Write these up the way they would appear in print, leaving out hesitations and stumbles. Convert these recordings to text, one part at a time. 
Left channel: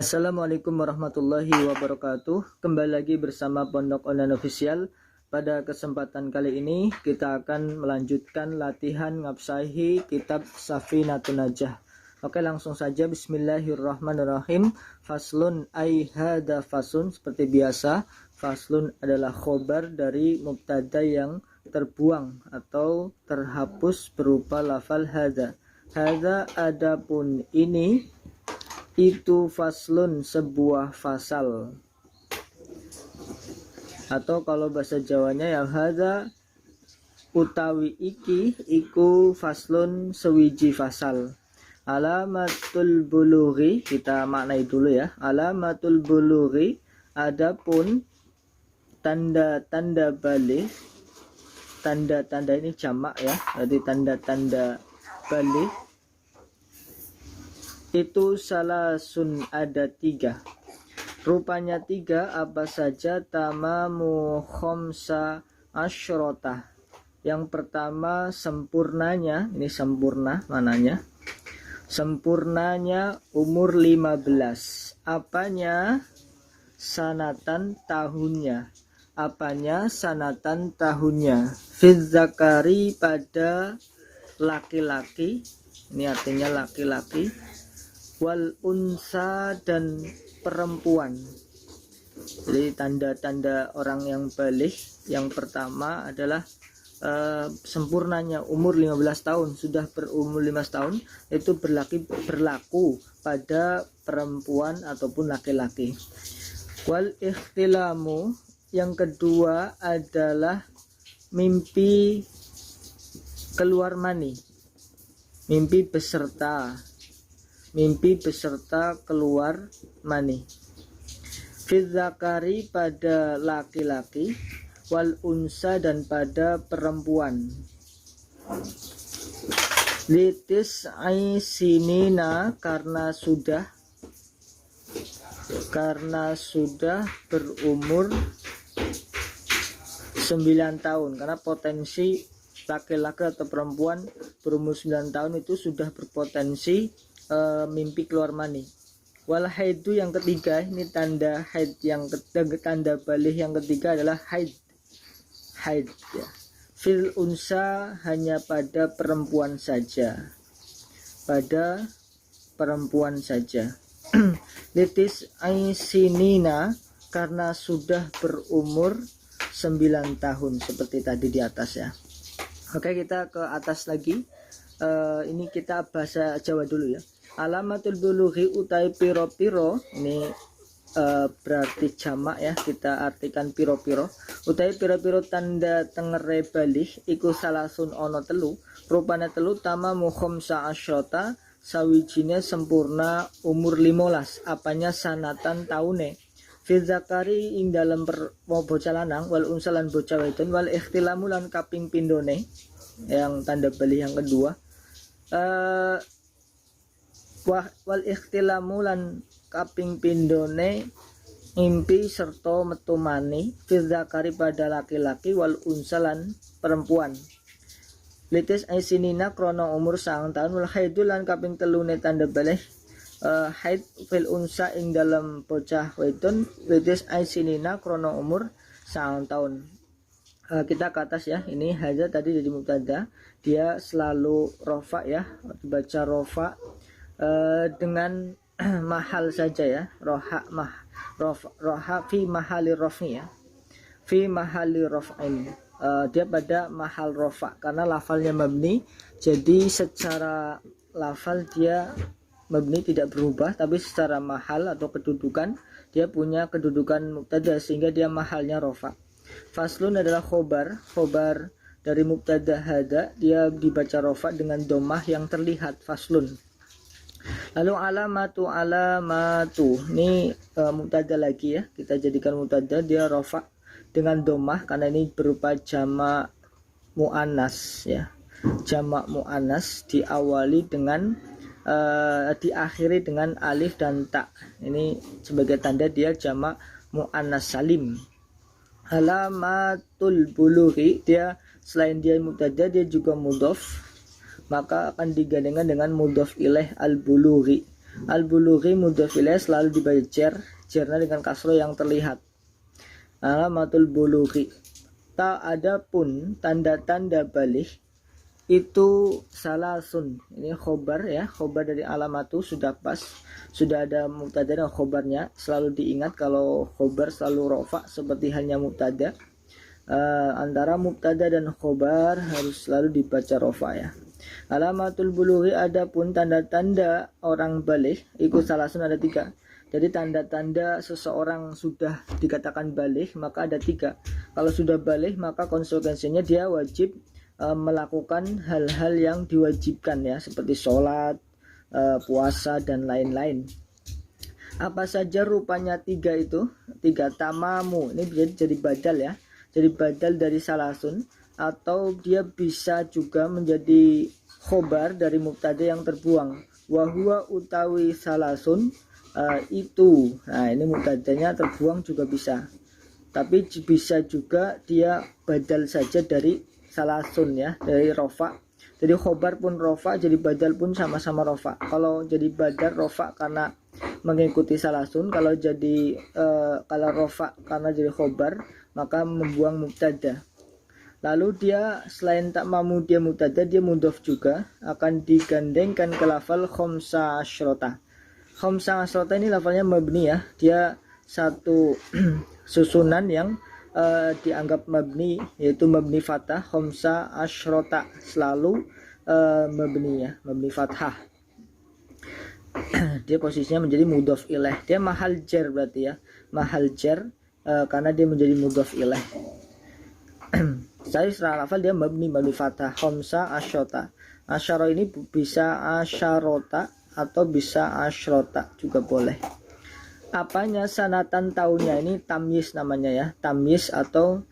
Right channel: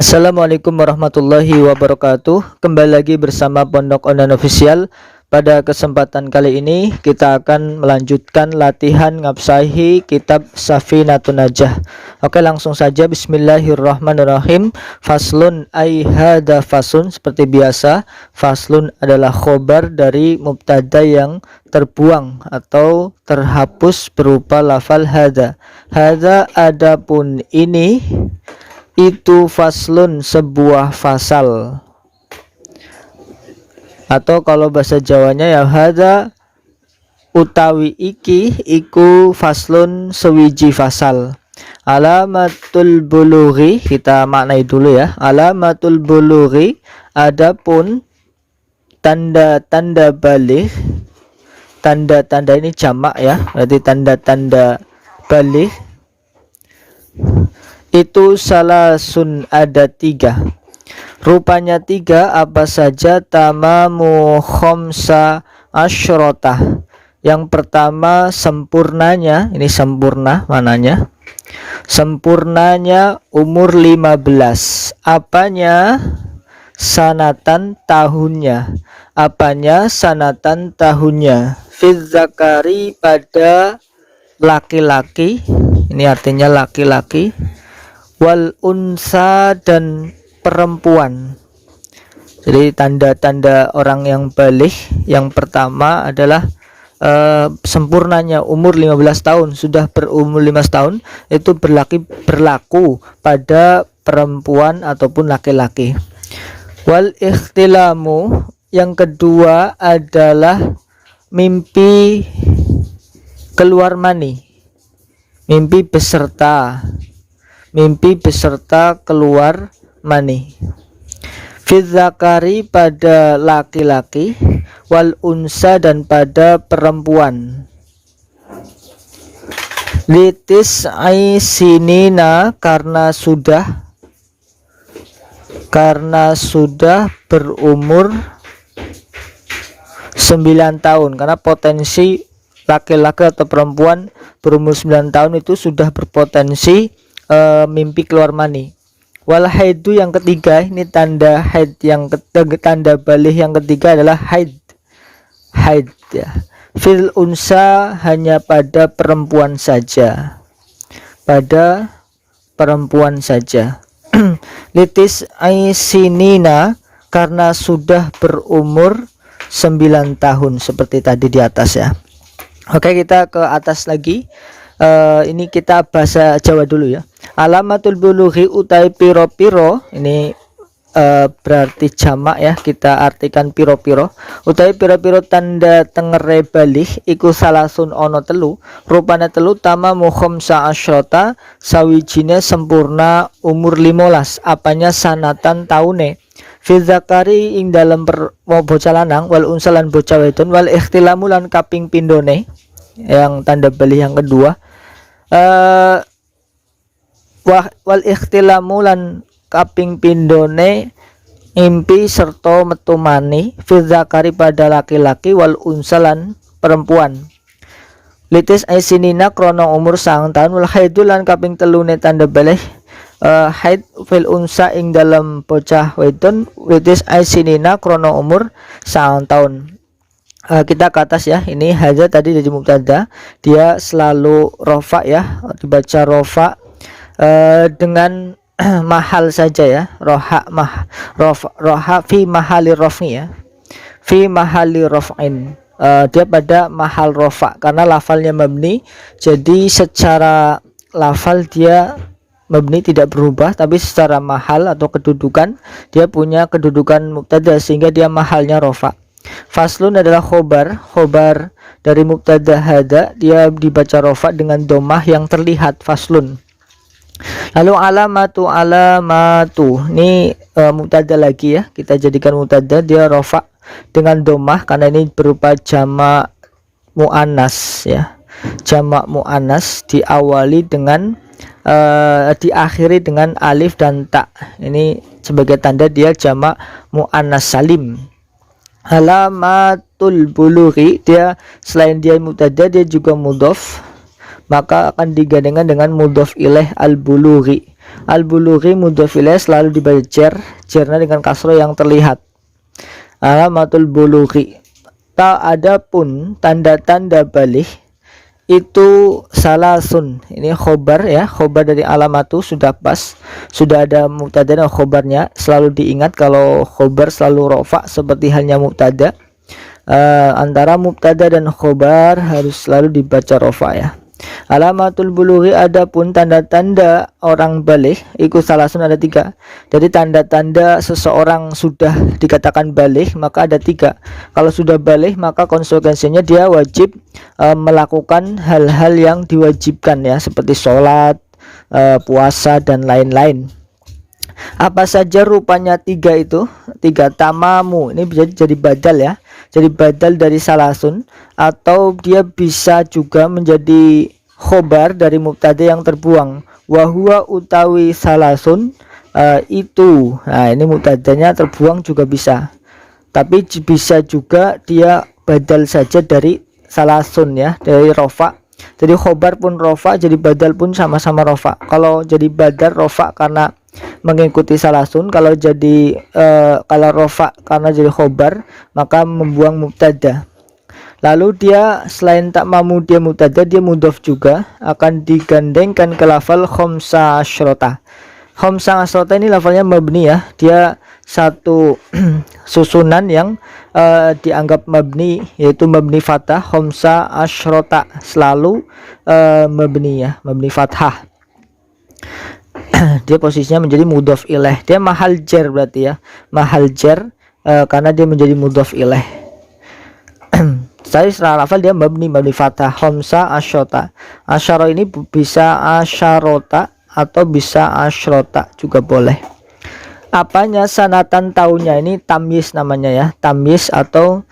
Assalamualaikum warahmatullahi wabarakatuh. Kembali lagi bersama Pondok Online Official. Pada kesempatan kali ini kita akan melanjutkan latihan ngabsahi kitab Safinatun Najah. Oke, langsung saja. Bismillahirrahmanirrahim. Faslun ay hada faslun. Seperti biasa, faslun adalah khobar dari mubtada yang terbuang atau terhapus berupa lafal hada. Hada adapun ini, itu faslun sebuah fasal, atau kalau bahasa Jawanya ya hadza utawi iki iku faslun sewiji fasal. Alamatul bulughi, kita maknai dulu ya. Alamatul bulughi, adapun tanda-tanda balik. Tanda-tanda ini jamak ya, berarti tanda-tanda balik itu salasun, ada tiga. Rupanya tiga, apa saja? Tamamu khomsa asyrotah. Yang pertama sempurnanya, ini sempurna mananya? Sempurnanya umur 15. Apanya? Sanatan, tahunnya. Apanya? Sanatan, tahunnya. Fizzakari, pada laki-laki. Ini artinya laki-laki. Wal unsa, dan perempuan. Jadi tanda-tanda orang yang balik yang pertama adalah sempurnanya umur 15 tahun. Sudah berumur 15 tahun itu berlaku pada perempuan ataupun laki-laki. Wal ikhtilamu, yang kedua adalah mimpi keluar mani. Mimpi beserta keluar mani. Fidzakari, pada laki-laki. Wal unsa, dan pada perempuan. Litis aisinina, karena sudah berumur 9 tahun. Karena potensi laki-laki atau perempuan berumur 9 tahun itu sudah berpotensi mimpi keluar mani. Wal haidu, yang ketiga, ini tanda haid tanda balik yang ketiga adalah haid ya. Fil unsa, hanya pada perempuan saja. Litis aisinina, karena sudah berumur 9 tahun seperti tadi di atas ya. Oke, kita ke atas lagi. Ini kita bahasa Jawa dulu ya. Alamatul bulughi, utai piro-piro, ini berarti jamak ya, kita artikan piro-piro. Utai piro-piro tanda tengere balik iku salasun ono telu. Rupanya telu, tama mukhomsa asyrota, sawijine sempurna umur 15. Apanya? Sanatan, taune. Fidzakari, ing dalam bocah lanang. Wal unsalan bocah wedon. Wal ikhtilamu, lan kaping pindone, yang tanda balik yang kedua. Wal ikhtilamu, lan kaping pindone impi serta metu mani. Fidzakari, pada laki-laki. Wal unsalan perempuan. Litis aisinina, krono umur 9 tahun. Wal haidu, lan kaping telune tanda balik haid fil unsa, ing dalam bocah wedon. Litis aisinina, krono umur 9 tahun. Kita ke atas ya. Ini haja tadi dari mubtada, dia selalu rofa ya, dibaca rofa dengan mahal saja ya. Roha fi mahali rofni ya, fi mahali rof'in. Dia pada mahal rofa karena lafalnya mabni, jadi secara lafal dia mabni tidak berubah, tapi secara mahal atau kedudukan dia punya kedudukan mubtada sehingga dia mahalnya rofa. Faslun adalah khobar dari mubtada hada, dia dibaca rofa dengan domah yang terlihat, faslun. Lalu alamatu, ini mubtada lagi ya, kita jadikan mubtada, dia rofa dengan domah karena ini berupa jamak muannas ya. Jamak muannas diawali dengan diakhiri dengan alif dan ta. Ini sebagai tanda dia jamak muannas salim. Alamatul bulughi, dia selain dia mubtada dia juga mudhof, maka akan digandengkan dengan mudhof ilaih al bulughi. Al-bulughi mudhof ilaih selalu dibaca jernya dengan kasroh yang terlihat. Alamatul bulughi. Adapun tanda-tanda balik itu salasun, ini khobar ya, khobar dari alamatu sudah pas, sudah ada mubtada dan khobarnya. Selalu diingat kalau khobar selalu rofa seperti halnya mubtada. Antara mubtada dan khobar harus selalu dibaca rofa ya. Alamatul bulughi, adapun tanda-tanda orang balik ikut salasun ada 3. Jadi tanda-tanda seseorang sudah dikatakan balik maka ada 3. Kalau sudah balik maka konsekuensinya dia wajib melakukan hal-hal yang diwajibkan ya, seperti sholat, puasa dan lain-lain. Apa saja rupanya 3 itu? 3 tamamu, ini bisa jadi badal ya, jadi badal dari salasun, atau dia bisa juga menjadi khobar dari mubtada yang terbuang. Wahua utawi salasun, itu, nah ini mubtadanya terbuang juga bisa, tapi bisa juga dia badal saja dari salasun ya, dari rofa. Jadi khobar pun rofa, jadi badal pun sama-sama rofa. Kalau jadi badal rofa karena mengikuti salasun, kalau jadi kalau rofa karena jadi khobar maka membuang mubtada. Lalu dia selain tak mamu dia mubtada, dia mudhof juga, akan digandengkan ke lafal khamsa asyrota. Khamsa asyrota ini lafalnya mabni ya, dia satu susunan yang dianggap mabni, yaitu mabni fathah. Khamsa asyrota selalu mabni ya, mabni fathah. Dia posisinya menjadi mudhof ilaih, dia mahal jar berarti ya, mahal jar karena dia menjadi mudhof ilaih. Tadi setelah lafal dia mabni fathah. Khamsa asyota, asyara ini bisa asyarota atau bisa asyrota juga boleh. Apanya sanatan tahunnya, ini tamyiz namanya ya, tamyiz atau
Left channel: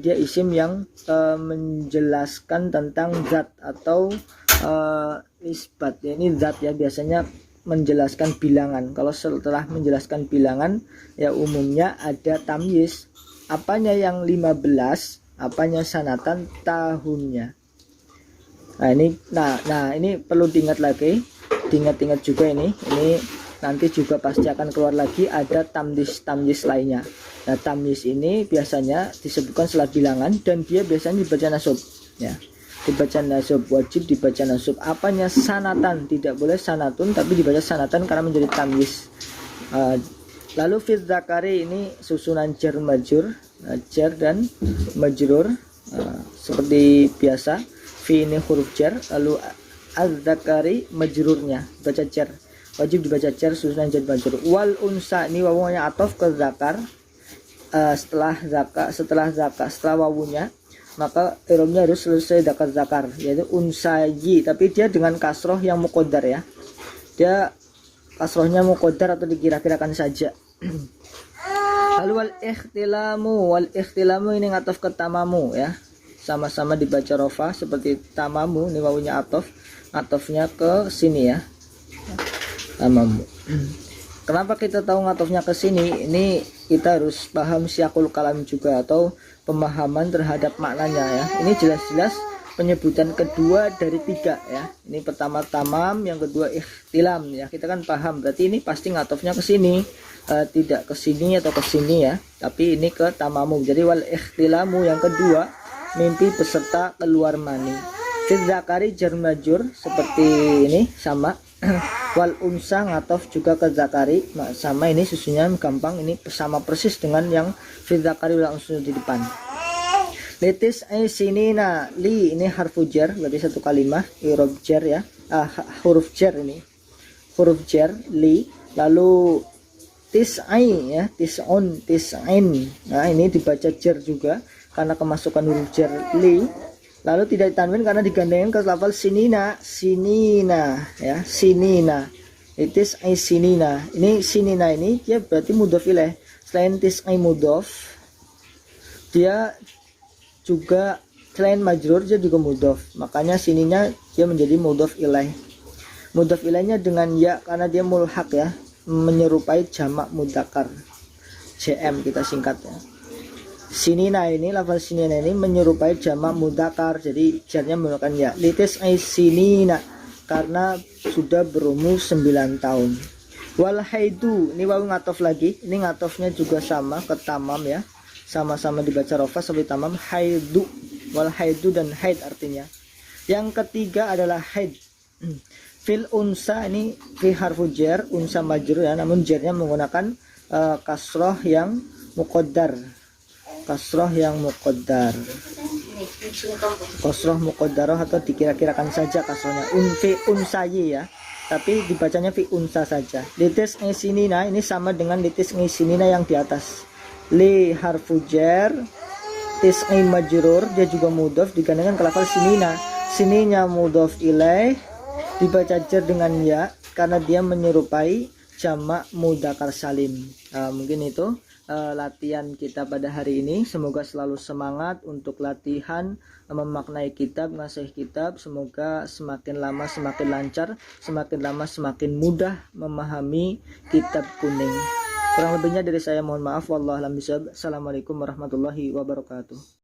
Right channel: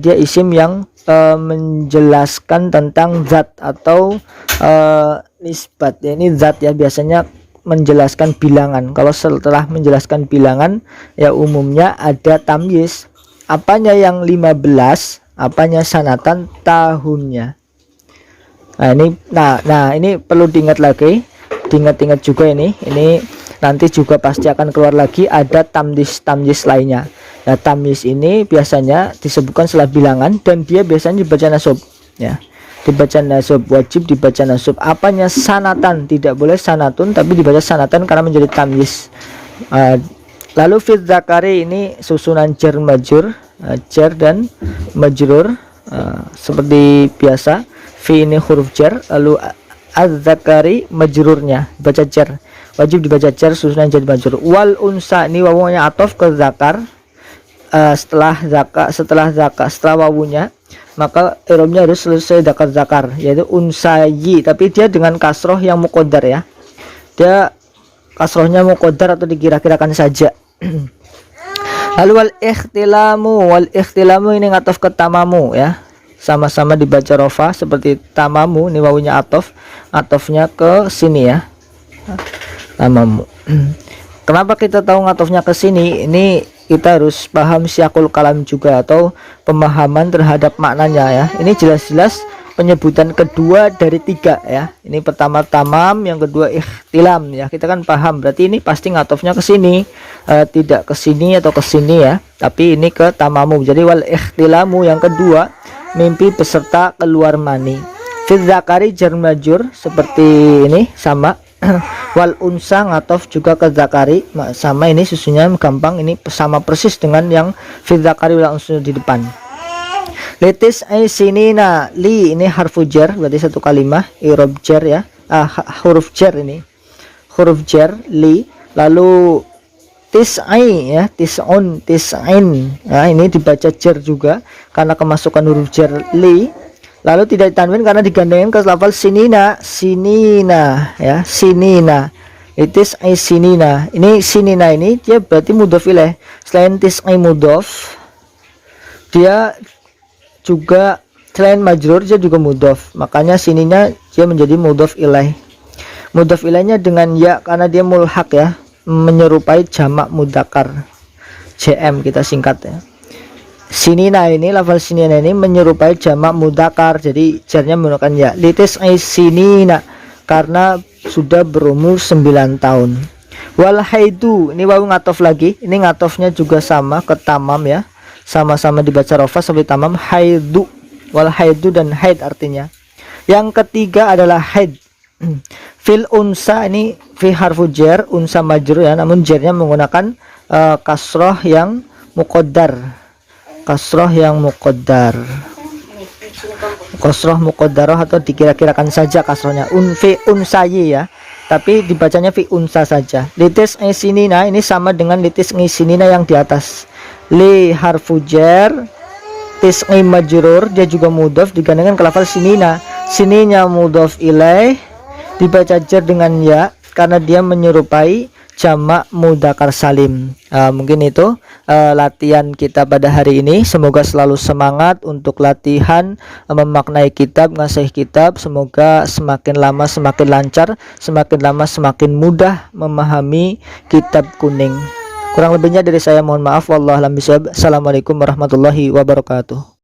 dia isim yang menjelaskan tentang zat atau nisbat ya, ini zat ya, biasanya menjelaskan bilangan. Kalau setelah menjelaskan bilangan ya umumnya ada tamyiz. Apanya yang 15, apanya sanatan tahunnya. Nah ini perlu diingat lagi, diingat-ingat juga ini nanti juga pasti akan keluar lagi ada tamyiz lainnya. Nah tamyiz ini biasanya disebutkan setelah bilangan dan dia biasanya dibaca nasab ya, dibaca nasab, wajib dibaca nasab. Apanya sanatan, tidak boleh sanatun tapi dibaca sanatan karena menjadi tamyiz. Lalu fit zakari ini susunan jar majrur, jar dan majrur seperti biasa. Fi ini huruf jar, lalu az-zakari majrurnya baca jar, wajib dibaca jar susunan jar majrur. Wal unsa, ini wawunya atof ke zakar, setelah wawunya maka irobnya harus selesai zakar, yaitu unsayi, tapi dia dengan kasroh yang muqaddar ya, dia kasrohnya muqaddar atau dikira-kirakan saja. Lalu wal ikhtilamu ini ngatof ke tamamu ya, sama-sama dibaca rofa seperti tamamu, ini wawunya atofnya ke sini ya, tamamu. Kenapa kita tahu ngatofnya ke sini? Ini kita harus paham syakul kalam juga atau pemahaman terhadap maknanya ya. Ini jelas-jelas penyebutan kedua dari 3 ya. Ini pertama tamam, yang kedua ikhtilam ya. Kita kan paham berarti ini pasti ngatofnya ke sini, tidak ke sini atau ke sini ya, tapi ini ke tamamu. Jadi wal ikhtilamu yang kedua, mimpi beserta keluar mani. Fil zakari jar majrur seperti ini sama. Wal unsa ngatof juga ke zakari sama, ini susunya gampang, ini sama persis dengan yang fil zakari wal unsa di depan. Litis sinina, li ini harfu jar berarti satu kalimah, irob jar ya, huruf jar ini, huruf jar li. Lalu tis'ai ya, tis'un, tis'in, nah ini dibaca jar juga karena kemasukan huruf jar li. Lalu tidak ditanwin karena digandengin ke lafal sinina, sinina ya, sinina. Itis sinina, ini sinina ini dia berarti mudhof ilaih. Selain tis'ai mudhof, dia juga selain majrur dia juga mudhof, makanya sininya dia menjadi mudhof ilaih. Mudhof ilaihnya dengan ya karena dia mulhaq ya, menyerupai jamak mudzakkar, JM kita singkat ya. Sinina ini, lafal sinina ini menyerupai jamak mudzakkar, jadi jarnya menggunakan ya. Litis sinina, karena sudah berumur 9 tahun. Wal haidu, ini wawu ngatof lagi, ini ngatofnya juga sama ke tamam ya, sama-sama dibaca rofa sampai tamam. Haidu, wal haidu dan haid artinya. Yang ketiga adalah haid. Fil unsa, ini fi harfu jar, unsa majrur ya, namun jarnya menggunakan kasroh yang muqaddar. Kasroh yang muqaddar. Kasroh muqaddarah atau dikira-kirakan saja kasrohnya. Fi unsayi ya. Tapi dibacanya fi unsa saja. Litis ngisinina ini sama dengan litis ngisinina yang di atas. Li harfu jar, tis majrur, dia juga mudhof digandengkan ke lafal sinina. Sininya mudhof ilaih, dibaca jar dengan ya karena dia menyerupai jamak mudzakkar salim. Mungkin itu latihan kita pada hari ini. Semoga selalu semangat untuk latihan memaknai kitab, ngasih kitab. Semoga semakin lama semakin lancar, semakin lama semakin mudah memahami kitab kuning. Kurang lebihnya dari saya mohon maaf. Wallahualam bishawab. Assalamualaikum warahmatullahi wabarakatuh.